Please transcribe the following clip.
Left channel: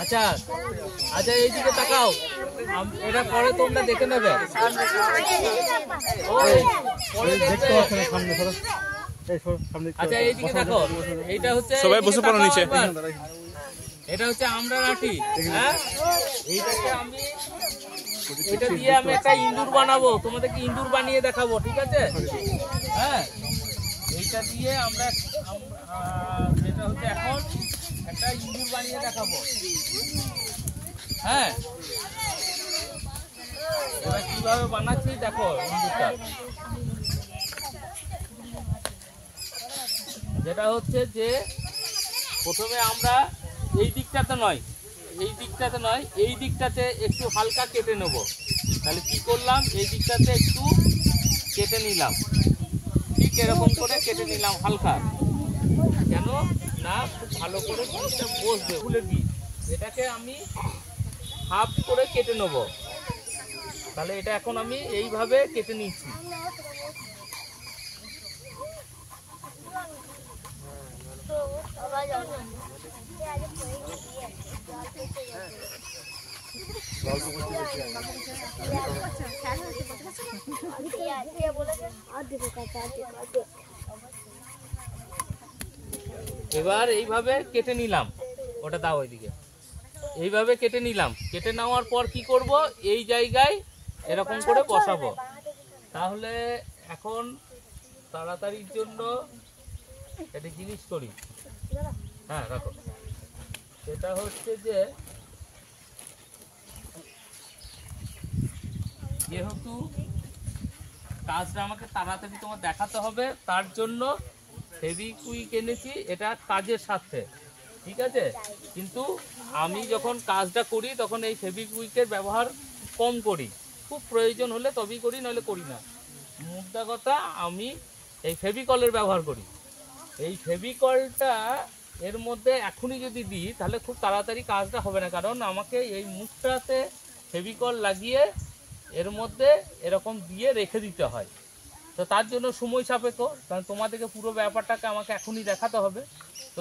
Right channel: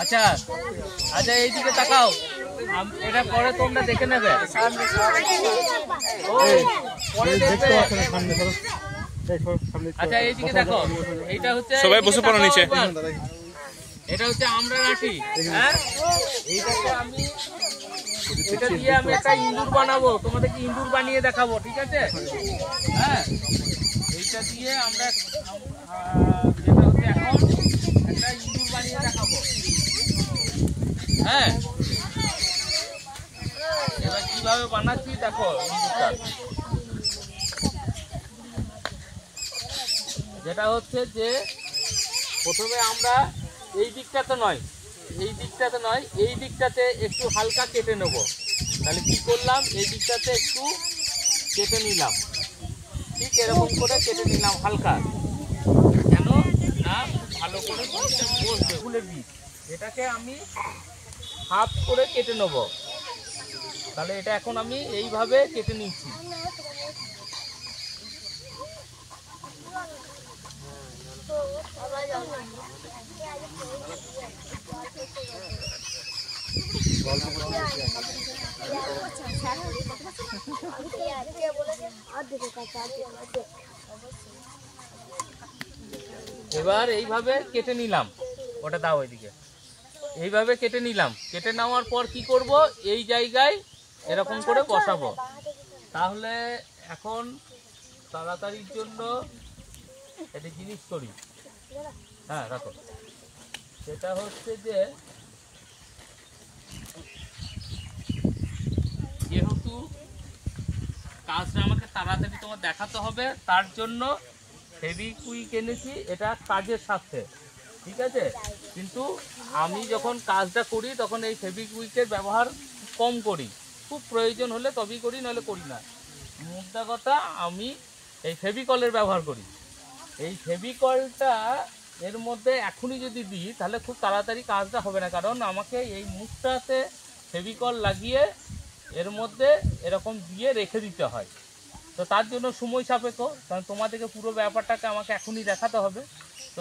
আচ্ছা আচ্ছা এইদিকে তাকাও, এটা পরে তোমরা দেখে নেবে। আচ্ছা এইদিকে দেখো, এইটা হচ্ছে সবাই বসে পড়ো নিচে। এটা হচ্ছে আমরা লাঠি, হ্যাঁ এইটাকে আমি এটা দিয়ে আমি একটা ইঁদুর বানাবো, তোমাদেরকে ইঁদুর বানিয়ে দেখাবো, ঠিক আছে? হ্যাঁ এইটা দিয়ে আমরা যেটা হচ্ছে এখন একটা ইঁদুর বানিয়ে দেখাবো। হ্যাঁ এবার কিভাবে বানাচ্ছি দেখো ইঁদুরটা। যেটা হচ্ছে যে প্রথমে আমরা এই দিকটাতে নয় এই দিকটাতে একটু হালকা কেটে নেব। তাহলে কি করলাম, এই দিকটাতে একটু কেটে নিলাম, ঠিক এরকম করে কেটে নিলাম হালকা, কেন না ভালো করে বসবে ফুলের বীজ। এটাকে আমি হাফ করে কেটে নেব। তাহলে এটা এখন আমি এইভাবে কেটে নিচ্ছি। এবার এইভাবে কেটে নিলাম, ওটা দাও ওইদিকে। এইভাবে কেটে নিলাম, কেটে নেওয়ার পর কি করব, এই জায়গায় এরকম করে বসাবো। তাহলে এখন তাড়াতাড়ির জন্য একটা জিনিস করি, হ্যাঁ রাখো। সেটা হচ্ছে যে যেহেতু কাজটা আমাকে তাড়াতাড়ি তোমার দেখাতে হবে, তার জন্য ফেভিকুইক এনেছি, এটা কাজের সাথে, ঠিক আছে? কিন্তু আমি যখন কাজটা করি তখন এই ফেভিকুইকের ব্যবহার কম করি, খুব প্রয়োজন হলে তবেই করি, নইলে করি না। মুদ্রা কথা, আমি এই ফেভিকলের ব্যবহার করি। এই ফেভিকলটা এর মধ্যে এখনই যদি দিই তাহলে খুব তাড়াতাড়ি কাজটা হবে না, কারণ আমাকে এই মুখটাতে ফেভিকল লাগিয়ে এর মধ্যে এরকম দিয়ে রেখে দিতে হয়। তো তার জন্য সময় সাপেক্ষ, কারণ তোমাদেরকে পুরো ব্যাপারটাকে আমাকে এখনই দেখাতে হবে। তো